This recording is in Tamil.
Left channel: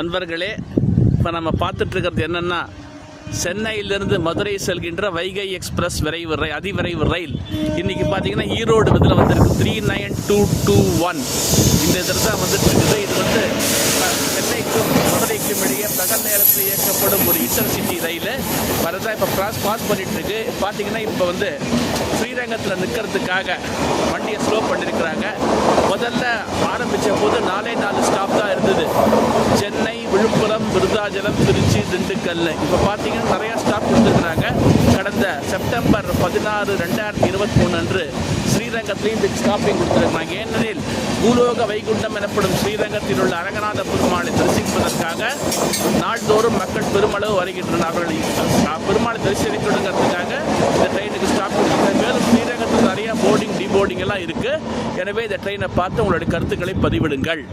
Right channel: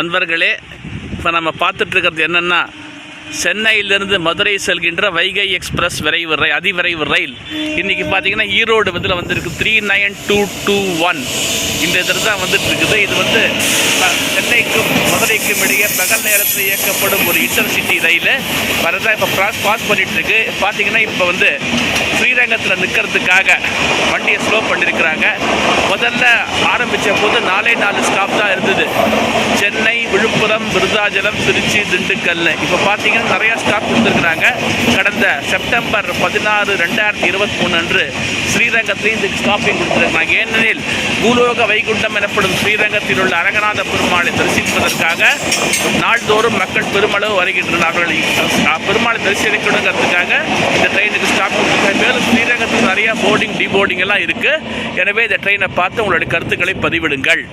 அன்பர்களே, இப்போ நம்ம பார்த்துட்ருக்கிறது என்னென்னா, சென்னையிலிருந்து மதுரை செல்கின்ற வைகை எக்ஸ்பிரஸ் விரைவு ரயில், அதிவிரைவு ரயில் இன்றைக்கி பார்த்தீங்கன்னா ஈரோடு இதில் வந்திருக்கு 39221. இந்த இதில் தான் வந்துட்டு இருக்குது. இது வந்து சென்னைக்கும் மதுரைக்கும் இடையே பகல் நேரத்தில் இயக்கப்படும் ஒரு இன்டர்சிட்டி ரயில் வரதான் இப்போ பாஸ் பண்ணிகிட்ருக்கு. பார்த்தீங்கன்னா இப்போ வந்து ஸ்ரீரங்கத்தில் நிற்கிறதுக்காக வண்டியை ஸ்லோ பண்ணியிருக்கிறாங்க. முதல்ல ஆரம்பித்த போது 4 ஸ்டாப் தான் இருந்தது. சென்னை, விழுப்புரம், விருதாச்சலம், திருச்சி, திண்டுக்கல். இப்போ பார்த்தீங்கன்னா நிறையா ஸ்டாப் கொடுத்துருக்குறாங்க. கடந்த செப்டம்பர் 16, 2023 அன்று ஸ்ரீரங்கத்திலையும் இதுக்கு ஸ்டாப்பிங் கொடுத்துருக்காங்க. ஏனெனில் பூலோக வைகுண்டம் எனப்படும் ஸ்ரீரங்கத்தில் உள்ள அரங்கநாத பெருமாளை தரிசிப்பதற்காக நாள்தோறும் மக்கள் பெருமளவு வருகின்றனர். அவர்களை பெருமாளை தரிசிக்கணுங்கிறதுக்காக இந்த ட்ரெயினுக்கு ஸ்டாப் கொடுத்துருக்காங்க. மேலும் ஸ்ரீரங்கத்தில் நிறையா போர்டிங், டிபோர்டிங் எல்லாம் இருக்குது. எனவே இந்த ட்ரெயினை பார்த்து உங்களுடைய கருத்துக்களை பதிவிடுங்கள்.